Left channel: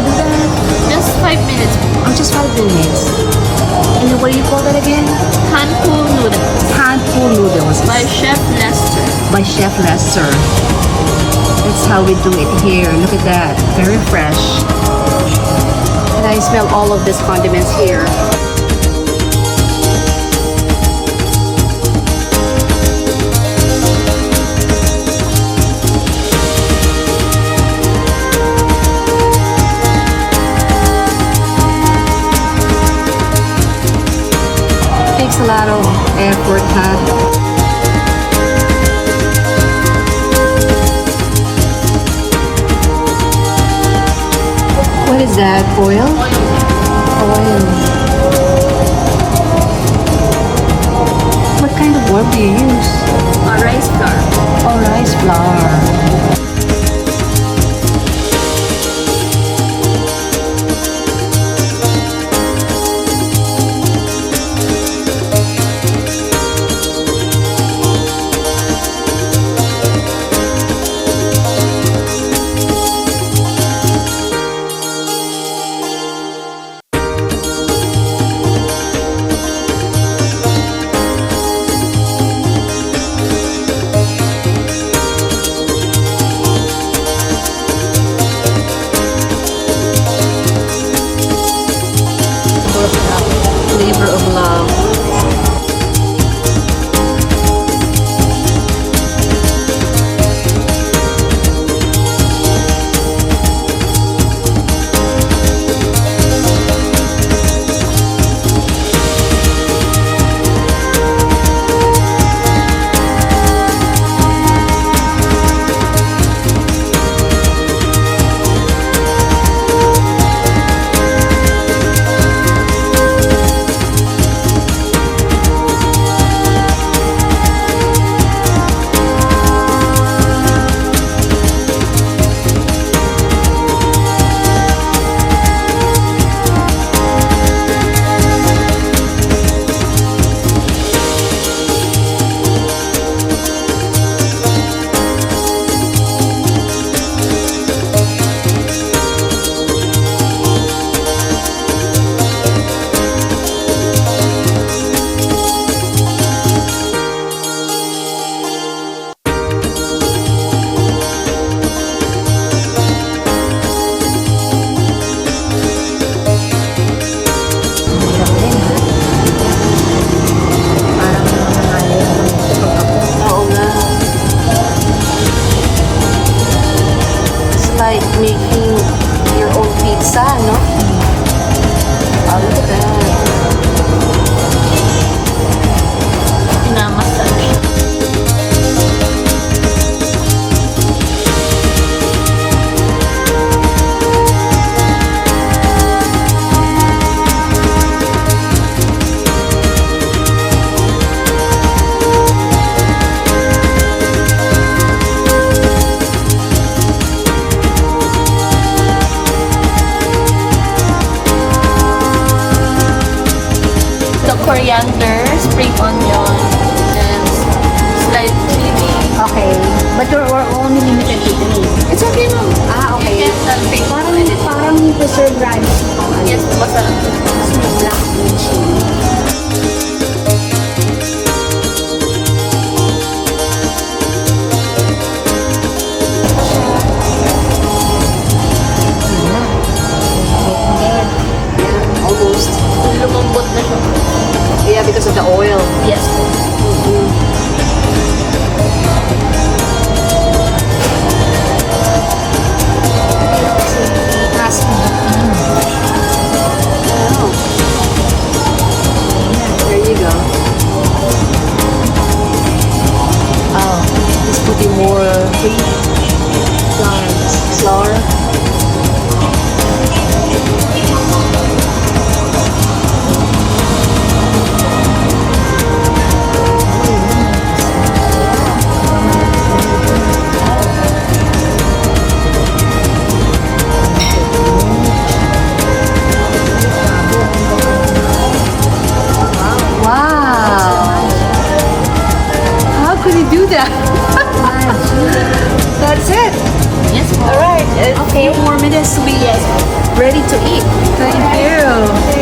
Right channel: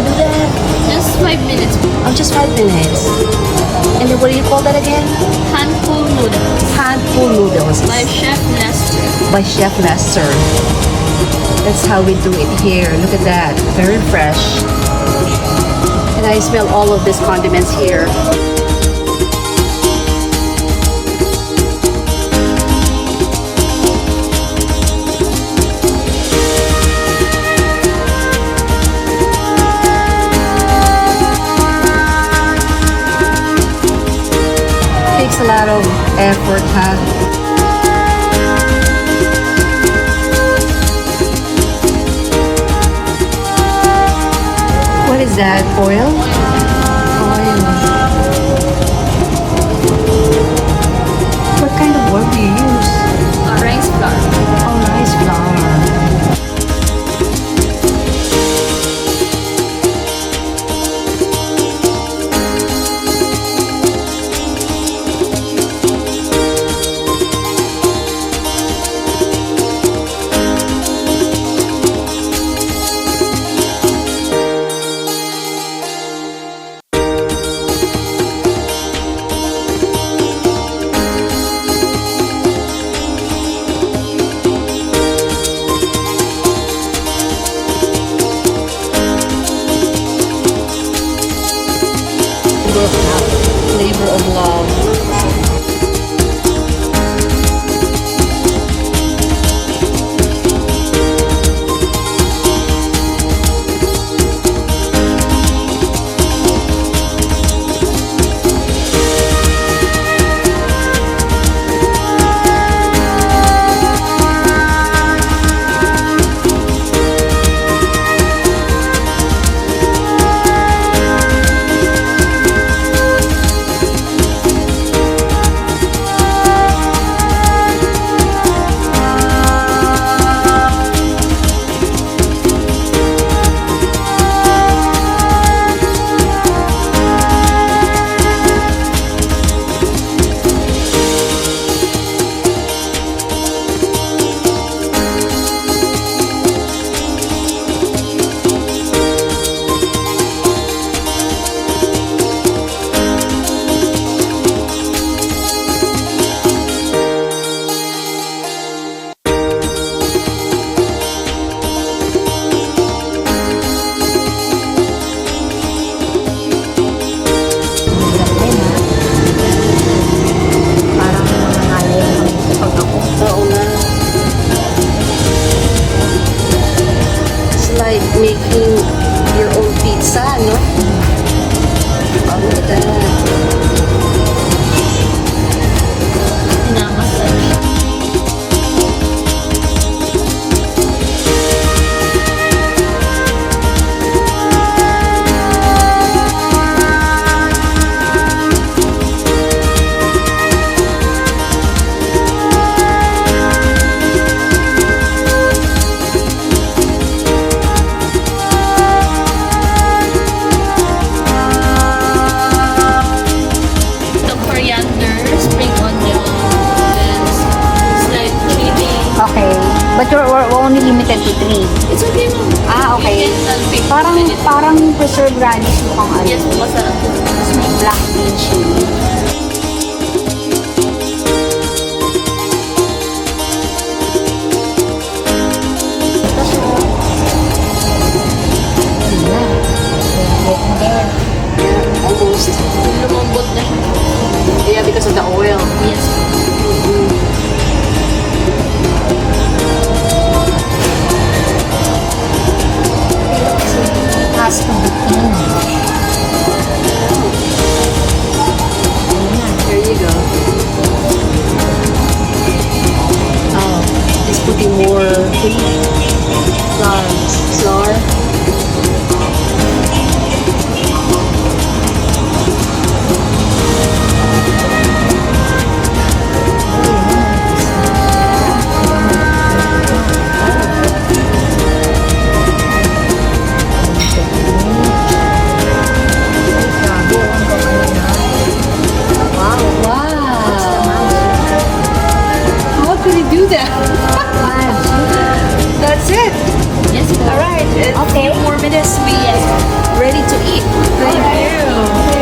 to do that? Just 5 minutes. Oh, just 5 minutes. And then what do you call that again? Handful noodles Handful noodles. by Chef Lester. By Chef Lester. That's how we do it here. Look at that. Very fresh. And I smell all of these condiments here. Takes a lot of effort, huh? What is that? Oil? Oil. What kind of oil do you use? Rice flour. Oh, rice flour. Labor of love. Making your own pizza, no? Oh, look at that. Namaste. Coriander, spring onion, then slight chili. Okay. But you're only limited to 3. It's okay, ma'am. Ah, okay. You can pick anything. Parang preserved radish yung ano. Yes, masarap. Tapos may black bean chili. Yeah, almost. Lumambot na siya. Yeah, because of the oil. Yes. It has to be in. Oh. There you go. Oh, it's putting more flour. How could he do that? That's it. Yes po. Alright, A few more minutes, we ready to eat. thank you.